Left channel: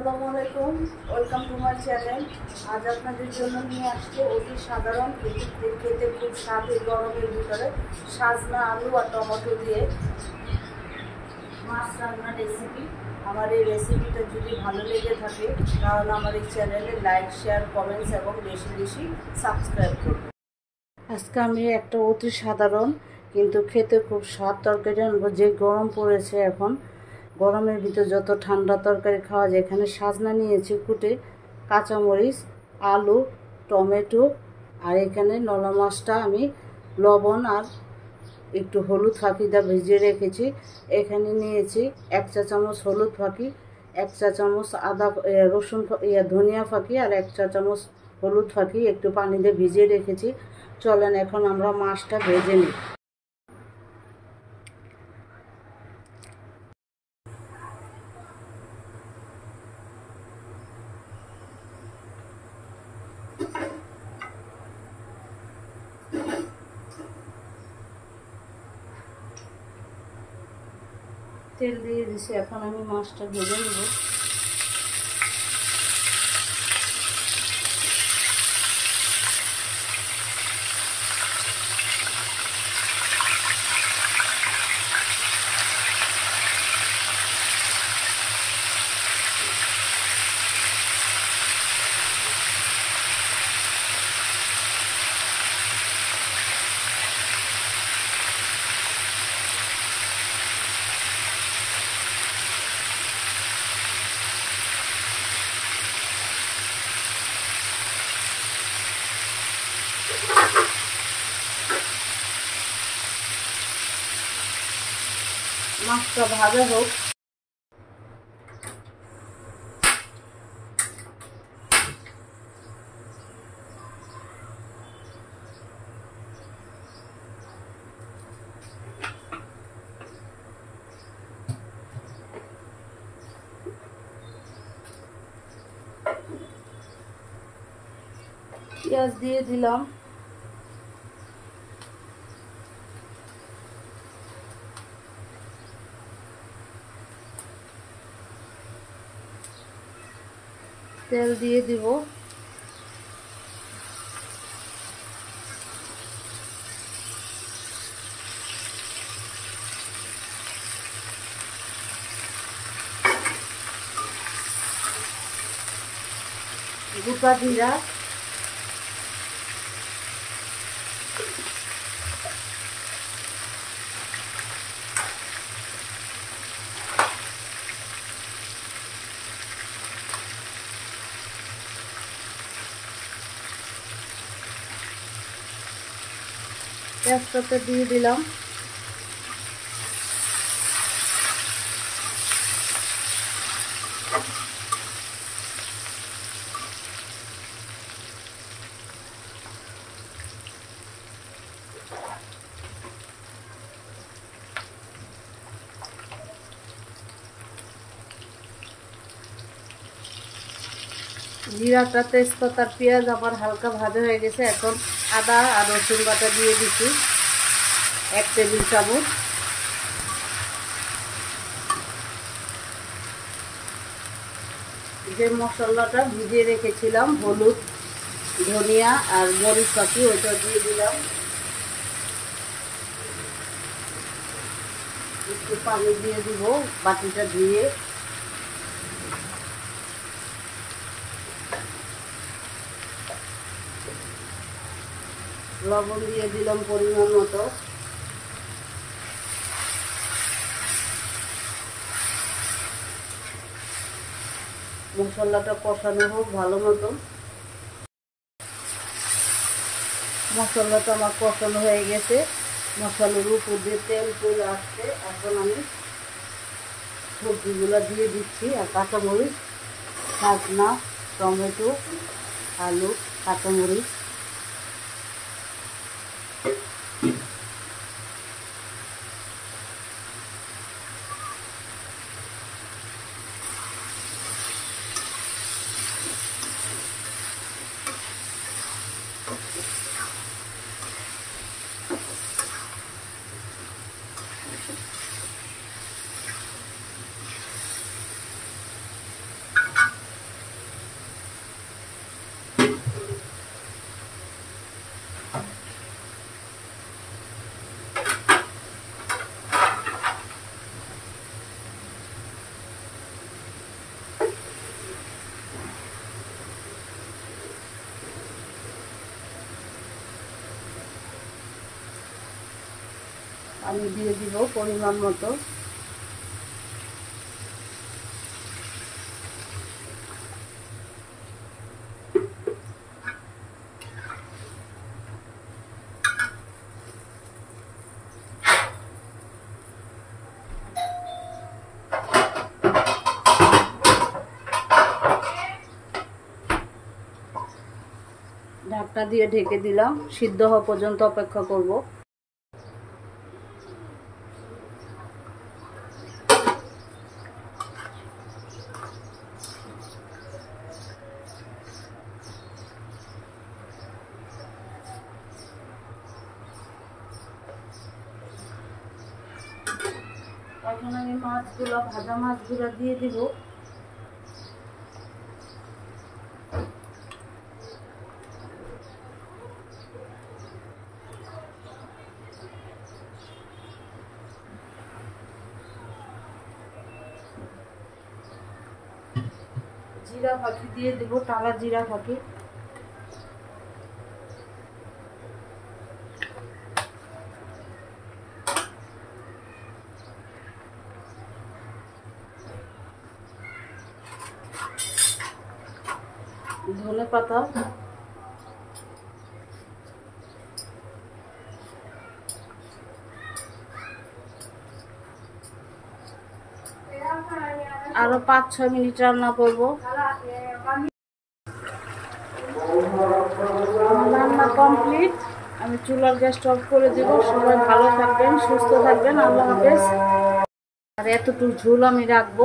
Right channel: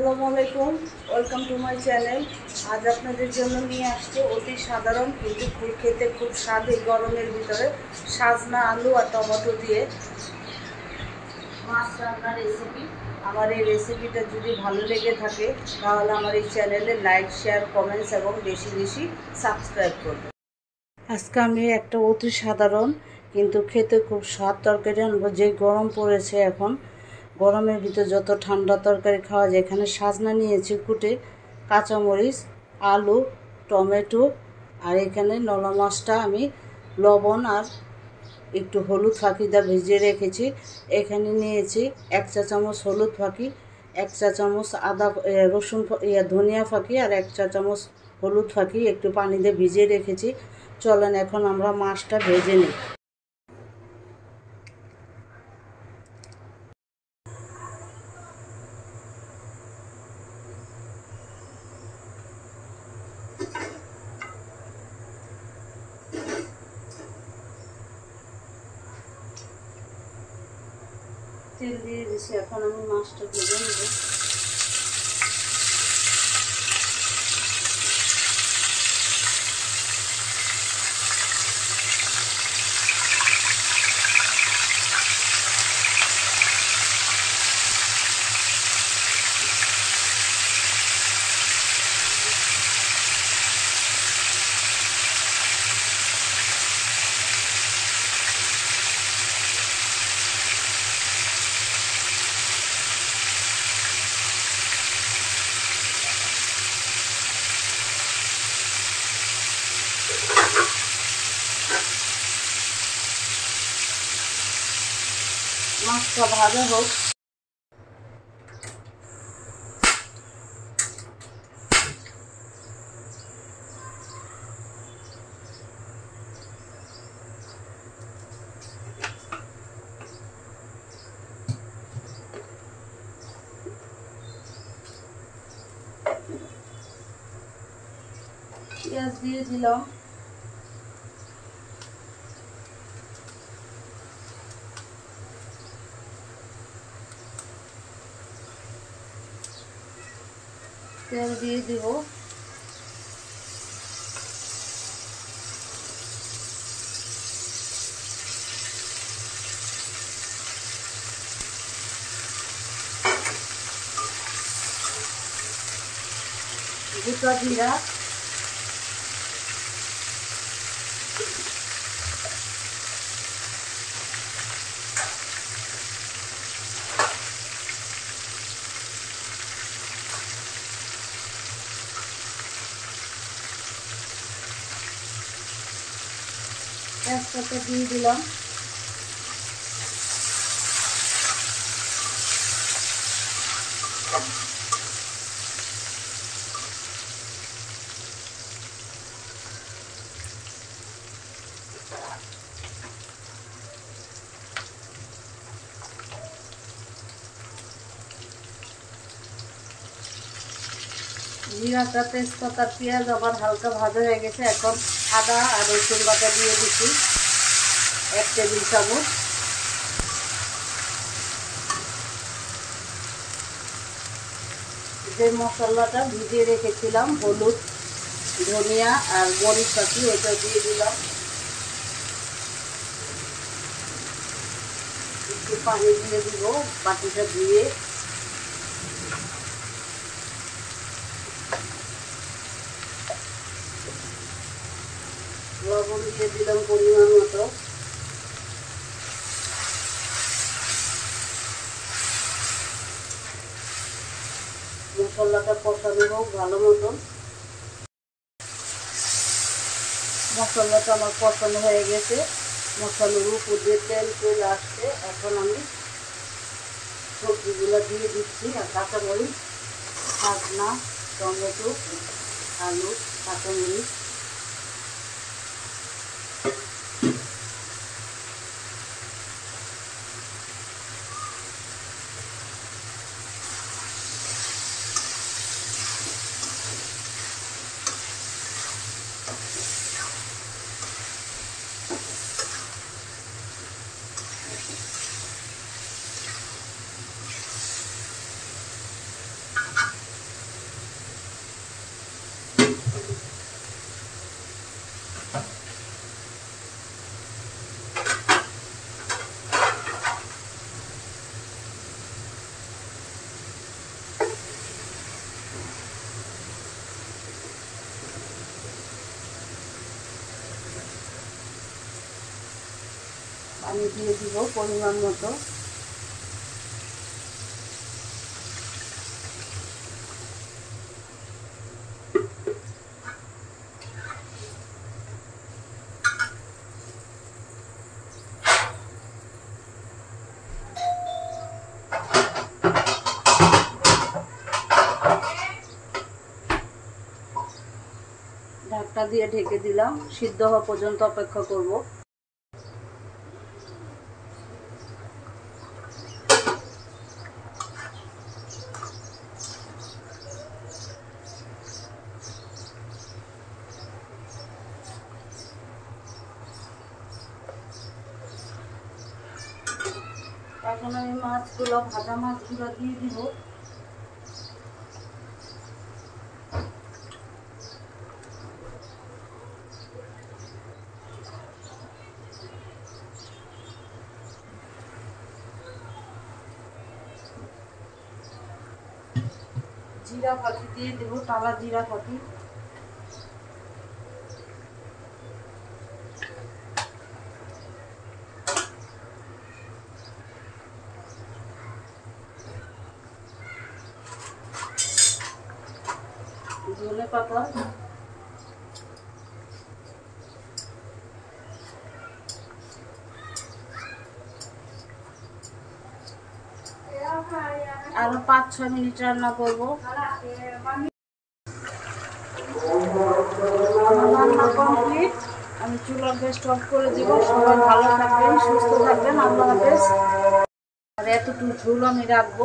আসসালামু আলাইকুম, welcome to my channel. আজ আপনাদের জন্য নিয়ে আসছে অতি সাধারণ কিন্তু খেতে খুব স্বাদ এই গরমের ভিতরে সাজনা আলু আর টমেটো দিয়ে মাছ রান্নার রেসিপি। আমার এই রেসিপিটা যদি ভালো লেগে থাকে তাহলে আমার এই চ্যানেলে লাইক, শেয়ার, কমেন্টস এবং বেশি বেশি সাবস্ক্রাইব করবেন। আজকে আমি একটা অতি সাধারণ কিন্তু খেতে খুব স্বাদ তরকারি আনবো। যে গরম পড়েছে এখন, গরমের ভিতর যত ঠান্ডা তরকারি খাওয়া যায়। এখানে সাজনা নিয়েছি কুটে, কাঁচামরিচ, আলু, টমেটো, আর এখানে নলা মাছটা আমি লবণ আর একটু হলুদ ফাঁকি দিয়ে ভিজিয়ে রেখেছি। এখানে নিয়েছি 1 চা চামচ হলুদ ফাঁকি, 1 চা চামচ রসুন ধনিয়া ফাঁকি আর 1 চা চামচ হলুদ ফাঁকি একটু পানি দিয়ে ভিজিয়ে রেখেছি। চলেন এখন আমরা মাছটা ভেজে নিই। তেল দিয়ে দিছি, এখন আমি মাছটা ভেজে নেব। মাছটা ভালো হোক। পেঁয়াজ দিয়ে দিলাম, তেল দিয়ে দিব, গোটা জিরা, তেজপাতা দিয়ে দিলাম, জিরাটা, তেজপাতা, পেঁয়াজ আবার হালকা ভাজা হয়ে গেছে। এখন আদা আর রসুন বাটা দিয়ে দিচ্ছি 1 টেবিল চামচ। যে মশলাটা ভিজিয়ে রেখেছিলাম, হলুদ, ধনিয়া আর মরিচ ফাঁকি, ওটা দিয়ে দিলাম। একটু পানি দিয়ে দিব, বাটিটা ধুয়ে। লবণ দিয়ে দিলাম পরিমাণ মতো। মশলাটা কষানো হোক ভালো মতন। মশলাটা আমার কষানো হয়ে গেছে, মশলার উপর দিয়ে তেল চলে আসছে। এখন আমি সবজিগুলো দিয়ে দিচ্ছি, আর কাঁচামরিচ, সাজনা, টমেটো, আলু, কাঁচামরিচ। দিয়ে দিব পরিমাণ মতো। ঢাকনা দিয়ে ঢেকে দিলাম, সিদ্ধ হওয়া পর্যন্ত অপেক্ষা করব। এখন আমি মাছগুলো, ভাজা মাছগুলো দিয়ে দিব। জিরা ফাঁকি দিয়ে দেবো, টালা জিরা ফাঁকি। ধনে পাতা, আরো 5-6 মিনিট রান্না করবো। রান্না কমপ্লিট, আমি চুলার গ্যাসটা অফ করে দিব। সবাই ভালো থাকবেন, সুস্থ থাকবেন, আল্লাহ হাফেজ। আর এতটুকু ঝোল আমি রাখবো।